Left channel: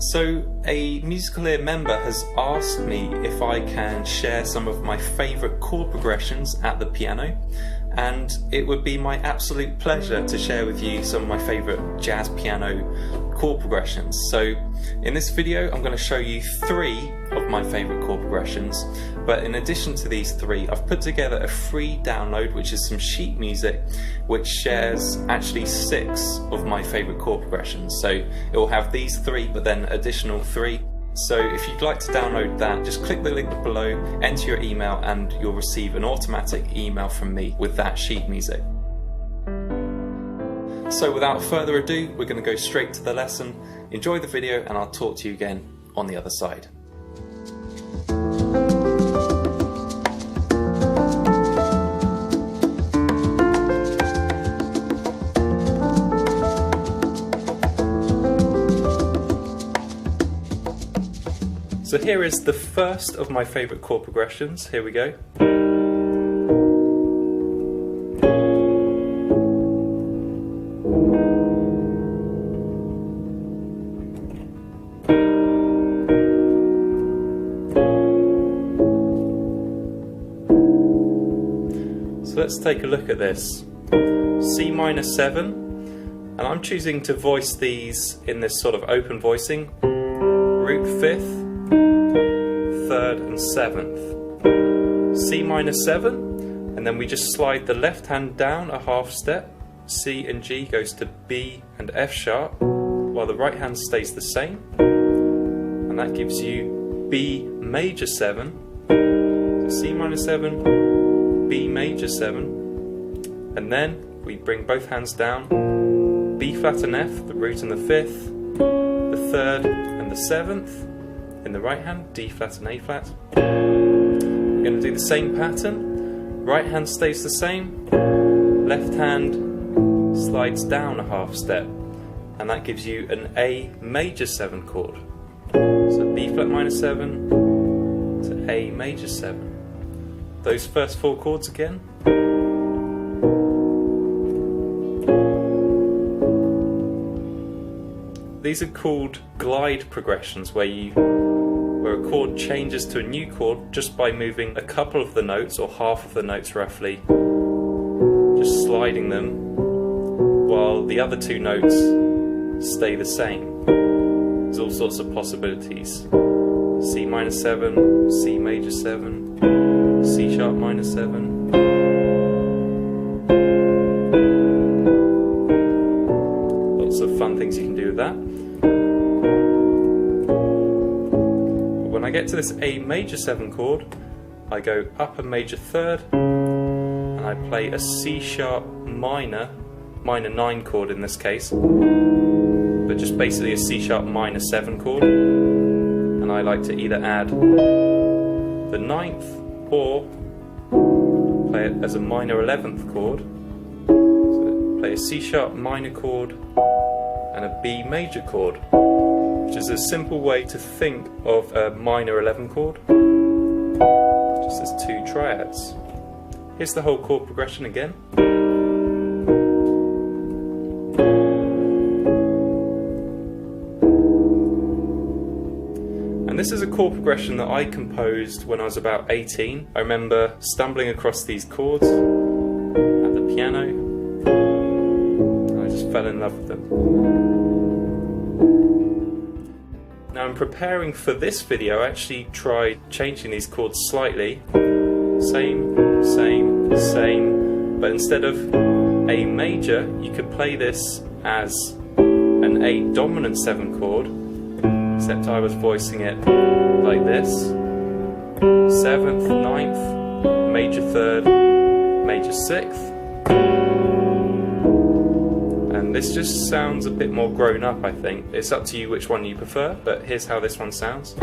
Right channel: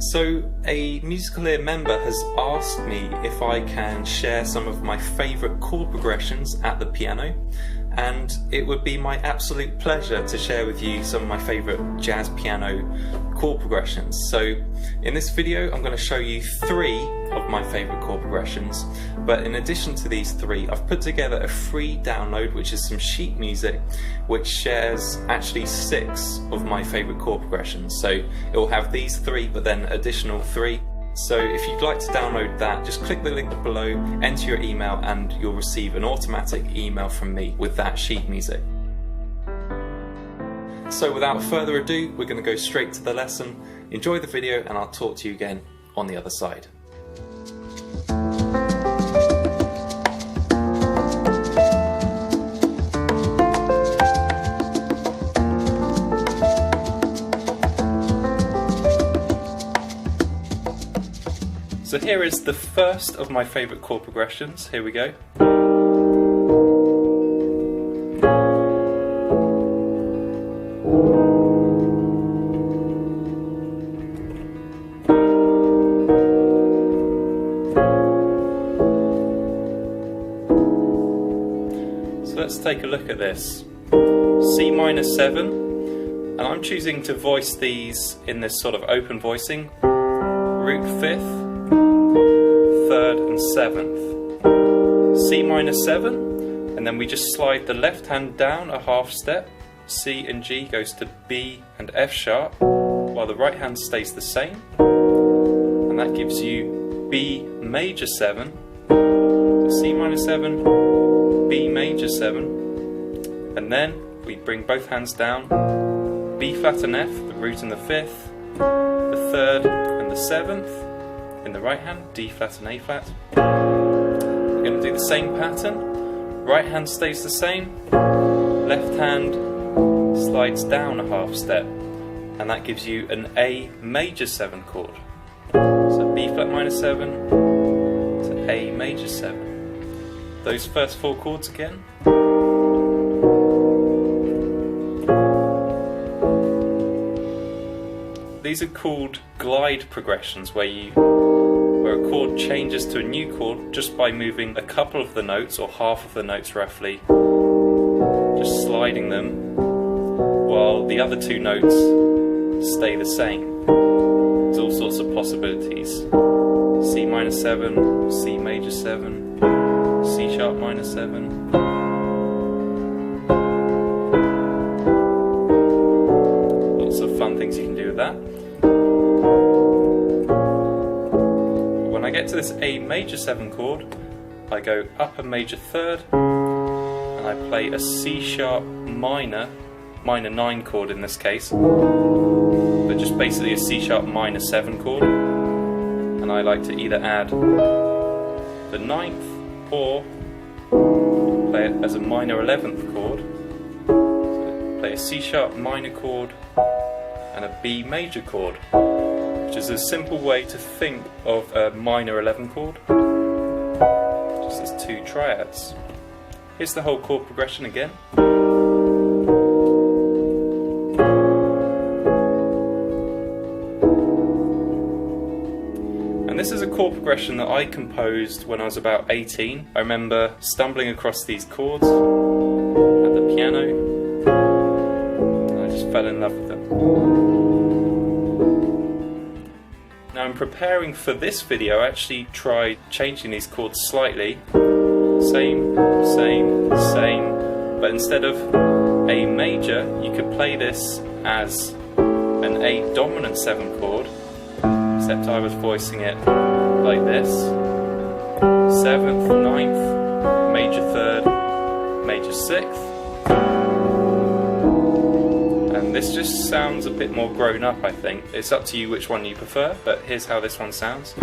So a Musical Ear member has asked me if I can share some of my favourite chord progressions at the piano, and it would be my absolute pleasure to share with you some of my favourite jazz piano chord progressions. So in this video I'm going to show you 3 of my favourite chord progressions, but in addition to these 3 I've put together a free download which is some sheet music which shares actually 6 of my favourite chord progressions. So it will have these 3 but then additional 3. So if you'd like to download that, just click the link below, enter your email and you'll receive an automatic email from me with that sheet music. So without further ado, we're going to go straight to the lesson. Enjoy the video and I'll talk to you again on the other side. So here is the first of my favourite chord progressions. Here we go. So let's take a look at this. C minor 7, and I'm choosing to voice these in this sort of open voicing. Root 5th, 3rd and 7th. C minor 7, and then we just slide the left hand down a half step. C and G goes to B and F sharp, while the right hand stays the same. And that gives you B major 7, so C minor 7, B major 7, and then we bring both hands down, B flat and F, the root and the 5th, the 3rd and the 7th, in the right hand, D flat and A flat. We're going to do the same pattern. Right hand stays the same, left hand slides down a half step, and that gives you an A major 7 chord. So B flat minor 7 to A major 7. Those first 4 chords again. These are called glide progressions, where a chord changes to a new chord just by moving a couple of the notes, or half of the notes roughly, just sliding them, while the other 2 notes stay the same. There's all sorts of possibilities. C minor 7, C major 7, C sharp minor 7. Lots of fun things you can do with that. When I get to this A major 7 chord, I go up a major 3rd and I play a C sharp minor 9 chord in this case, but just basically a C sharp minor 7 chord, and I like to either add the 9th or play it as a minor 11th chord. So play a C sharp minor chord and a B major chord, which is a simple way to think of a minor 11 chord, just as 2 triads. Here's the whole chord progression again. And this is a chord progression that I composed when I was about 18. I remember stumbling across these chords at the piano, and I just fell in love with them. Now, in preparing for this video, I actually tried changing these chords slightly. Same, same, same, but instead of A major, you could play this as an A dominant 7 chord, except I was voicing it like this. 7th, 9th, major 3rd, major 6th. And this just sounds a bit more grown up, I think. It's up to you which one you prefer, but here's how this one sounds.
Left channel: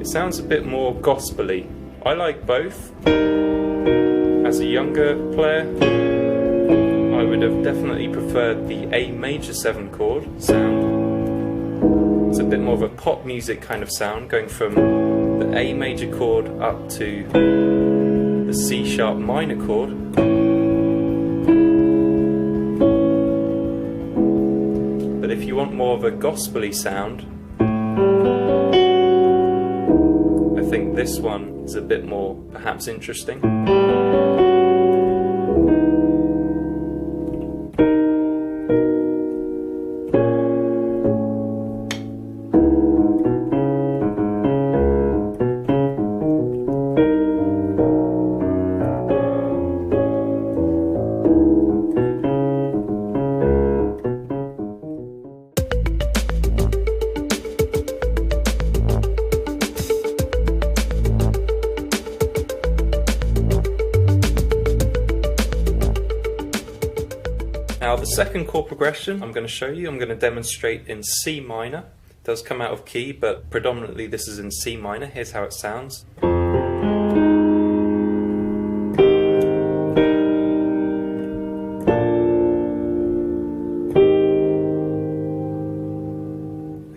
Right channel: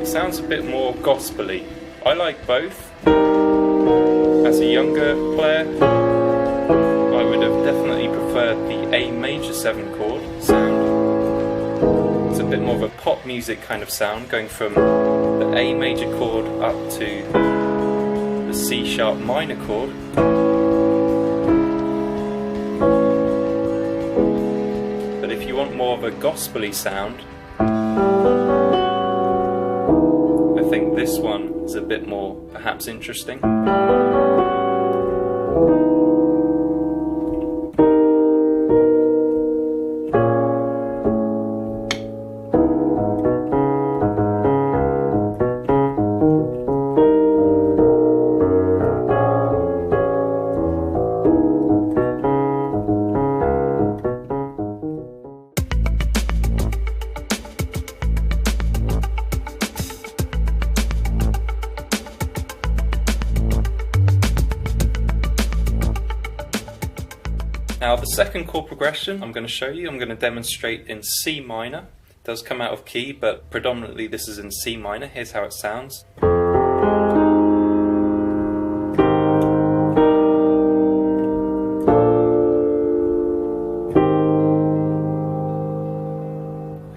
It sounds a bit more gospel-y. I like both. As a younger player, I would have definitely preferred the A major 7 chord sound. It's a bit more of a pop music kind of sound, going from the A major chord up to the C sharp minor chord. But if you want more of a gospel-y sound, I think this one is a bit more perhaps interesting. Now the second chord progression I'm going to show you, I'm going to demonstrate in C minor. It does come out of key, but predominantly this is in C minor. Here's how it sounds.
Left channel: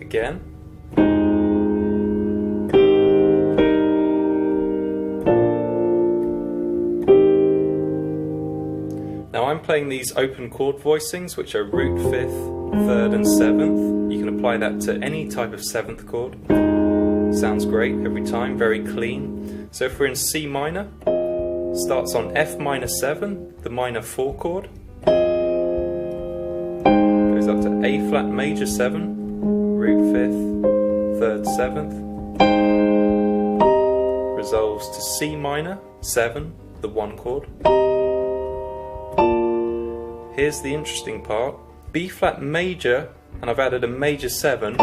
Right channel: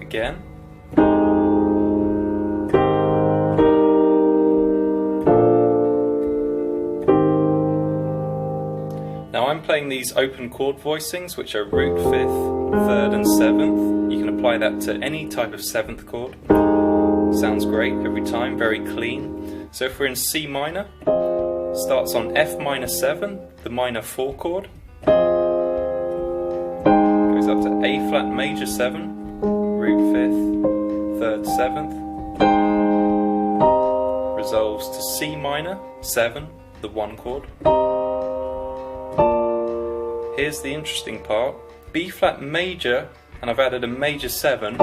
Again. Now I'm playing these open chord voicings, which are root 5th, 3rd and 7th. You can apply that to any type of 7th chord. Sounds great every time, very clean. So if we're in C minor, starts on F minor 7, the minor 4 chord. Goes up to A flat major 7, root 5th, 3rd, 7th. Resolves to C minor 7, the 1 chord. Here's the interesting part, B flat major, and I've added a major 7,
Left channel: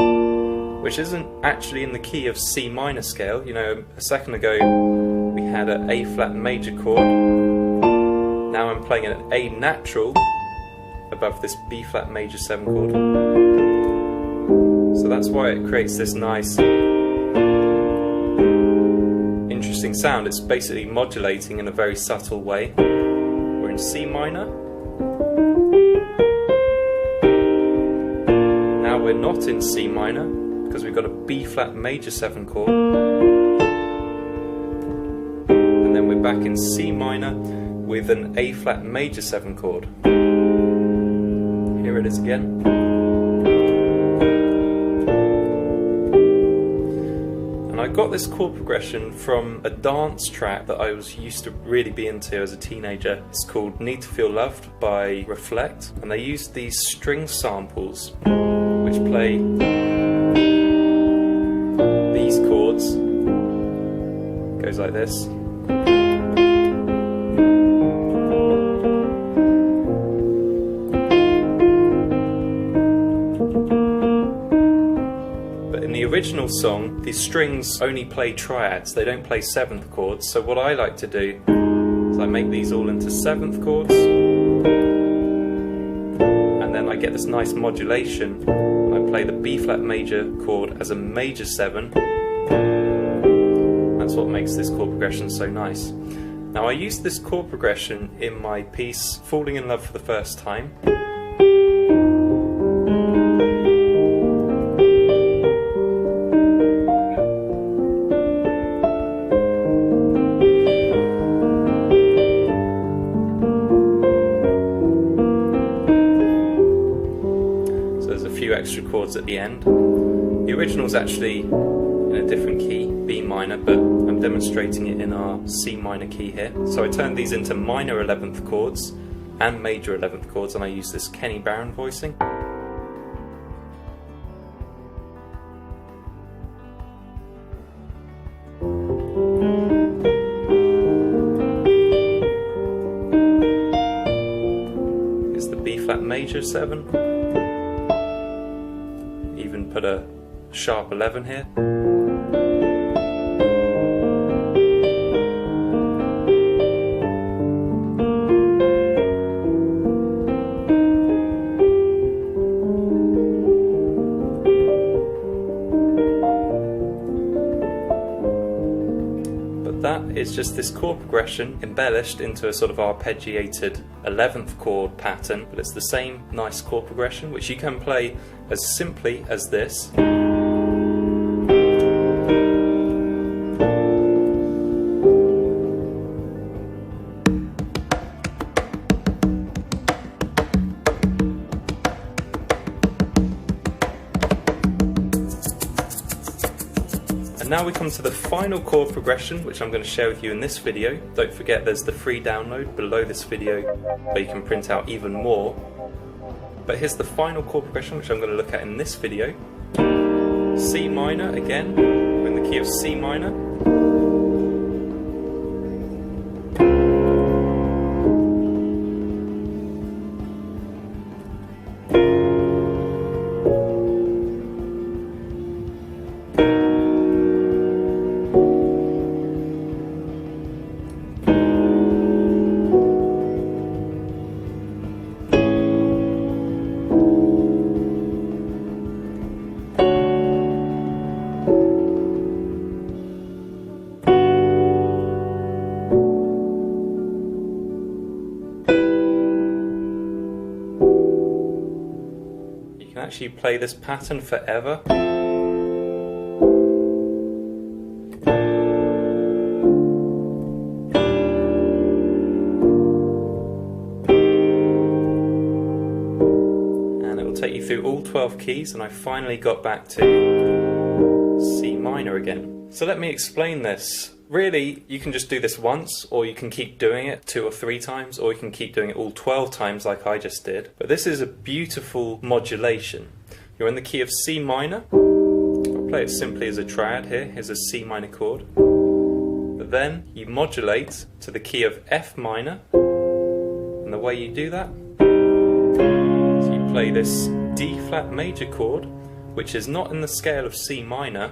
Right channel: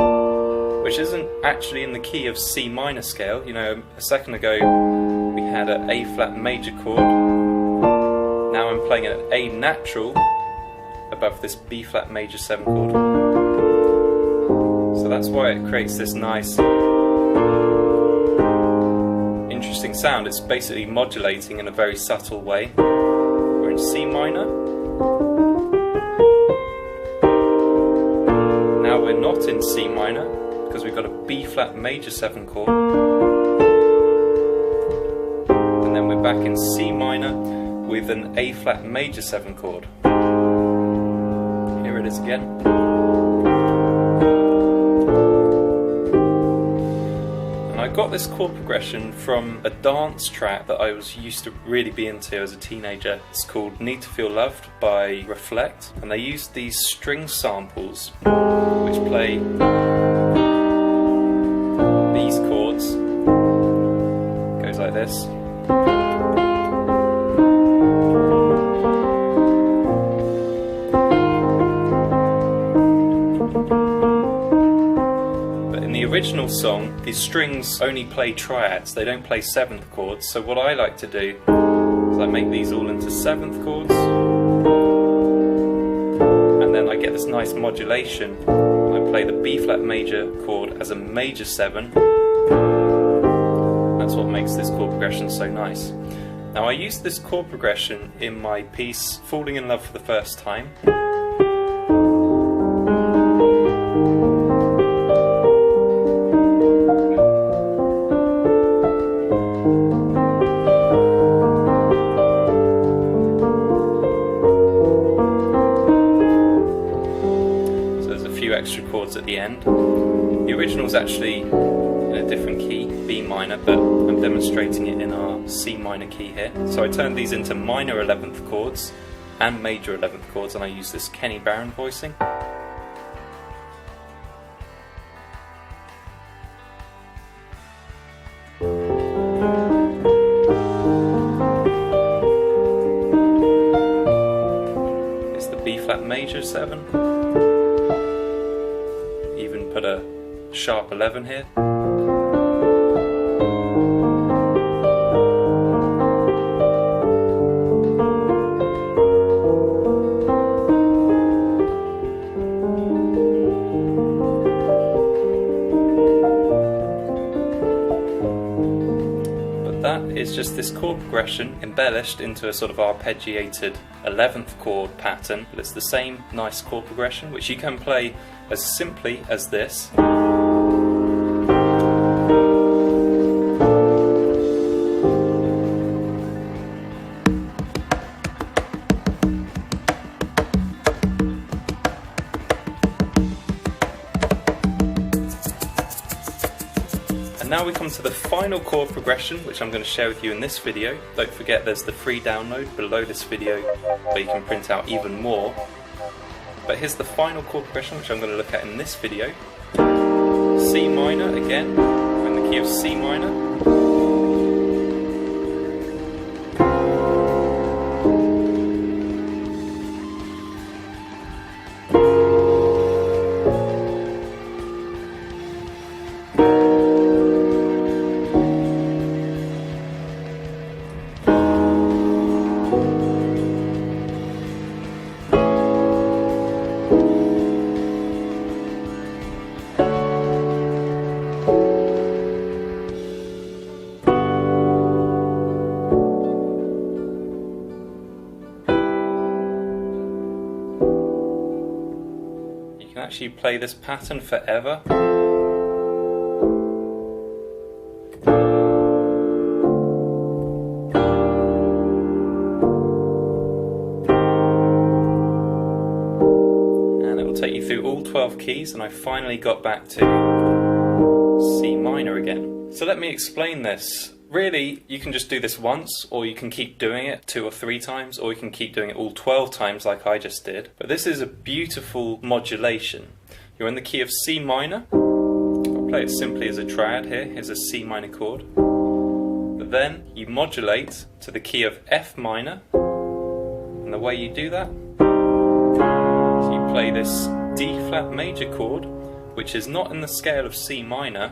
which isn't actually in the key of C minor scale. You know, a second ago we had an A flat major chord, now I'm playing an A natural above this B flat major 7 chord. So that's why it creates this nice, interesting sound. It's basically modulating in a very subtle way. We're in C minor. Now we're not in C minor because we've got a B flat major 7 chord, and then we're back in C minor with an A flat major 7 chord. Here it is again. And I got this chord progression from a dance track that I used to really be into as a teenager. It's called Need to Feel Loved by Reflect, and they used these string samples which play these chords. It goes like this. But in the original song, these strings only play triads, they don't play 7th chords. So what I like to do is I make these all into 7th chords, and then I get this nice modulation. I play the B flat major chord as a major 7. That's what makes this chord progression so nice. Now I used this chord progression in my piece Falling in Love for the First Time. Extra chords at the end. The original's actually in a different key, B minor, but I'm demonstrating it in our C minor key here. So I turned these into minor 11th chords and major 11th chords, and I use this Kenny Barron voicing. It's the B flat major 7. Even put a sharp 11 here. But that is just this chord progression embellished into a sort of arpeggiated 11th chord pattern, but it's the same nice chord progression which you can play as simply as this. And now we come to the final chord progression, which I'm going to share with you in this video. Don't forget there's the free download below this video where you can print out even more. But here's the final chord progression, which I'm going to look at in this video. C minor again, we're in the key of C minor. You can actually play this pattern forever. And it will take you through all 12 keys, and I finally got back to C minor again. So let me explain this. Really, you can just do this once, or you can keep doing it 2 or 3 times, or you can keep doing it all 12 times like I just did. But this is a beautiful modulation. You're in the key of C minor. I'll play it simply as a triad here. Here's a C minor chord. But then you modulate to the key of F minor. And the way you do that, so you play this D flat major chord, which is not in the scale of C minor.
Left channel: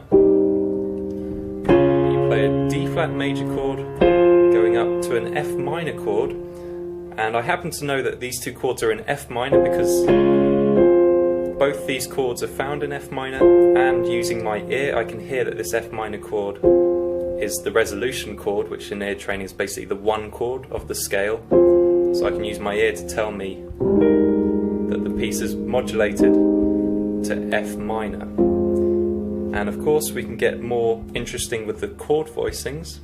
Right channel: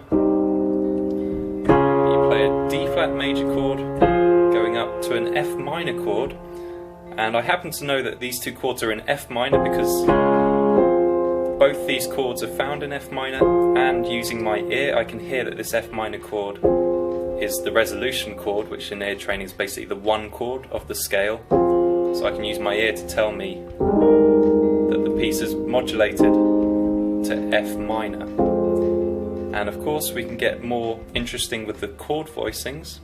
Play a D flat major chord going up to an F minor chord, and I happen to know that these two chords are in F minor because both these chords are found in F minor, and using my ear I can hear that this F minor chord is the resolution chord, which in ear training is basically the 1 chord of the scale, so I can use my ear to tell me that the piece is modulated to F minor. And of course we can get more interesting with the chord voicings.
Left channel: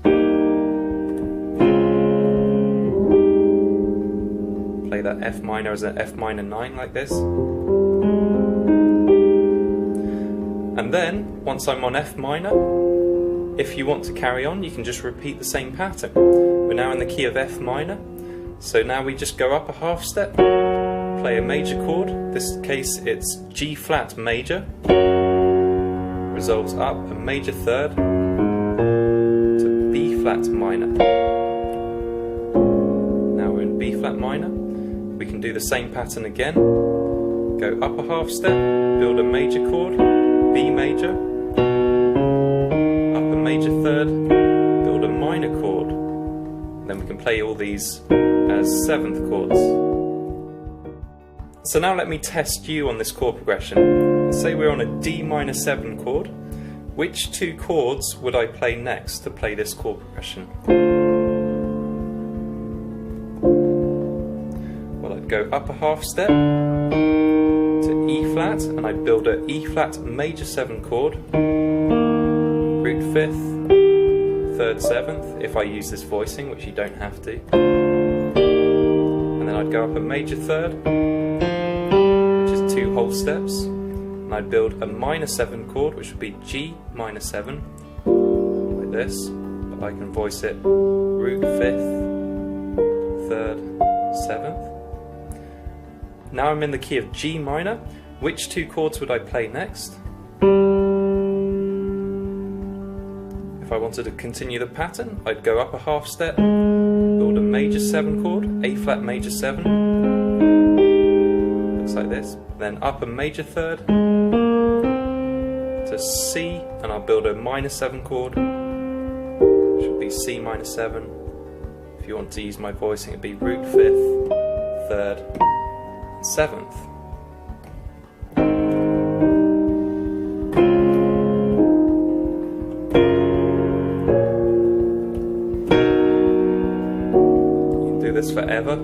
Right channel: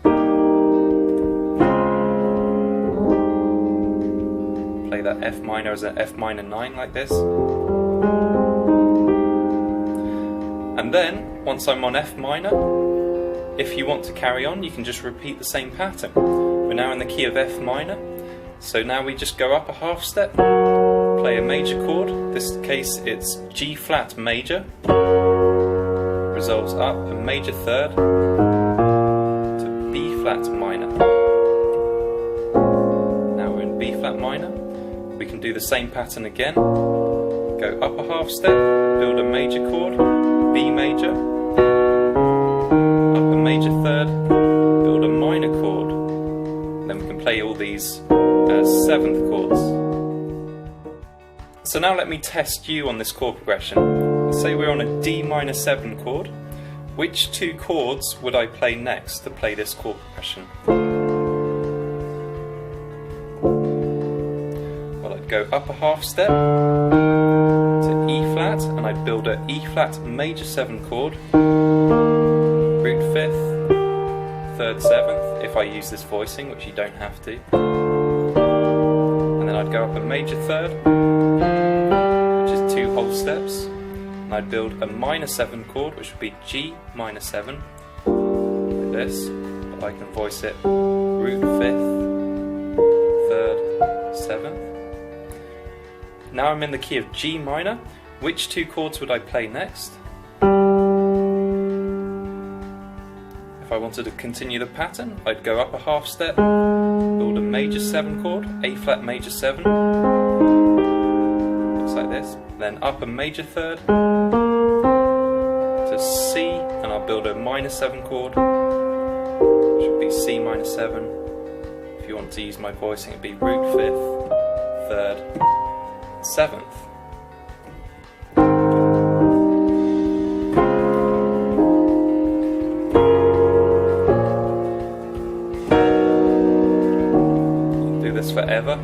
Play that F minor as an F minor 9 like this. And then, once I'm on F minor, if you want to carry on, you can just repeat the same pattern. We're now in the key of F minor, so now we just go up a half step, play a major chord. In this case it's G flat major. Resolves up a major third to B flat minor. Now we're in B flat minor. We can do the same pattern again. Go up a half step, build a major chord, B major, up a major third, build a minor chord. Then we can play all these as 7th chords. So now let me test you on this chord progression. Say we're on a D minor 7 chord. Which 2 chords would I play next to play this chord progression? Well, I'd go up a half step to E flat, and I'd build a E flat major 7 chord, root 5th, 3rd 7th, if I use this voicing, which you don't have to. And then I'd go up a major third, which is 2 whole steps. And I'd build a minor 7 chord, which would be G minor 7, like this, but I can voice it root 5th, 3rd, 7th. Now I'm in the key of G minor. Which 2 chords would I play next? If I wanted to continue the pattern, I'd go up a half step, build a major 7 chord, A flat major 7, looks like this, then up a major third to C, and I'll build a minor 7 chord, which would be C minor 7. If you want to use my voicing, it'd be root 5th, 3rd, 7th. You can do this forever.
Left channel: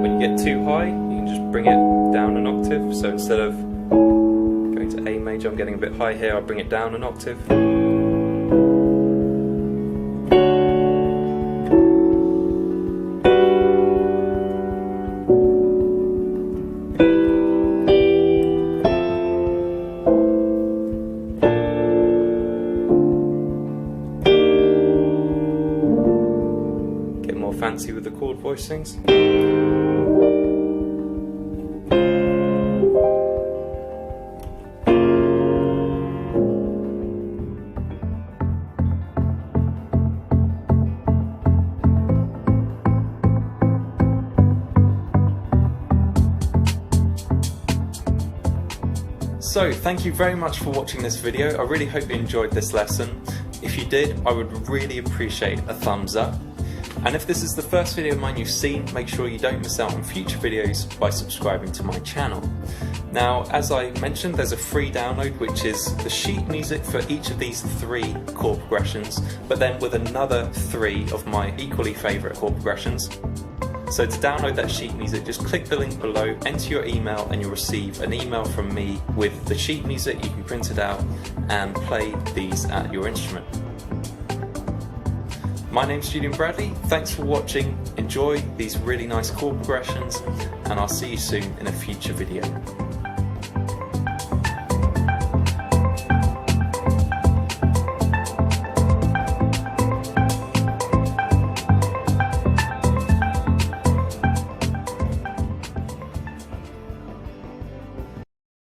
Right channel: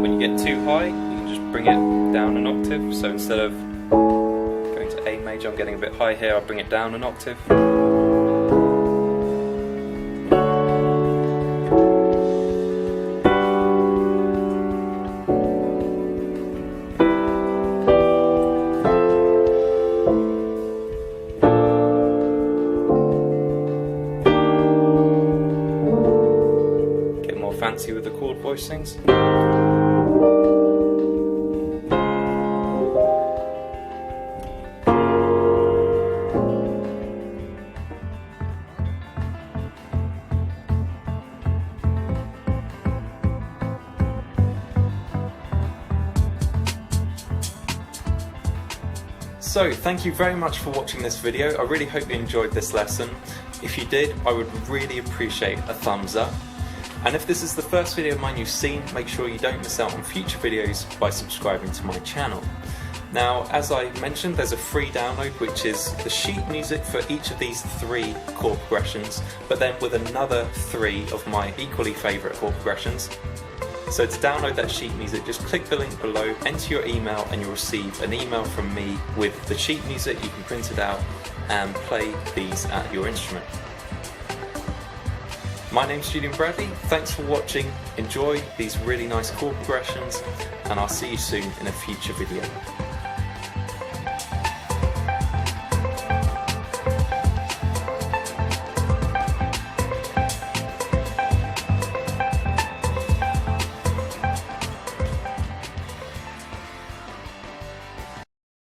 When you get too high, you can just bring it down an octave. So instead of going to A major, I'm getting a bit high here, I'll bring it down an octave. fancy with the chord voicings. So thank you very much for watching this video. I really hope you enjoyed this lesson. If you did, I would really appreciate a thumbs up. And if this is the first video of mine you've seen, make sure you don't miss out on future videos by subscribing to my channel. Now, as I mentioned, there's a free download which is the sheet music for each of these 3 chord progressions, but then with another 3 of my equally favourite chord progressions. So to download that sheet music, just click the link below, enter your email, and you'll receive an email from me with the sheet music. You can print it out and play these at your instrument. My name's Julian Bradley, thanks for watching, enjoy these really nice chord progressions, and I'll see you soon in a future video.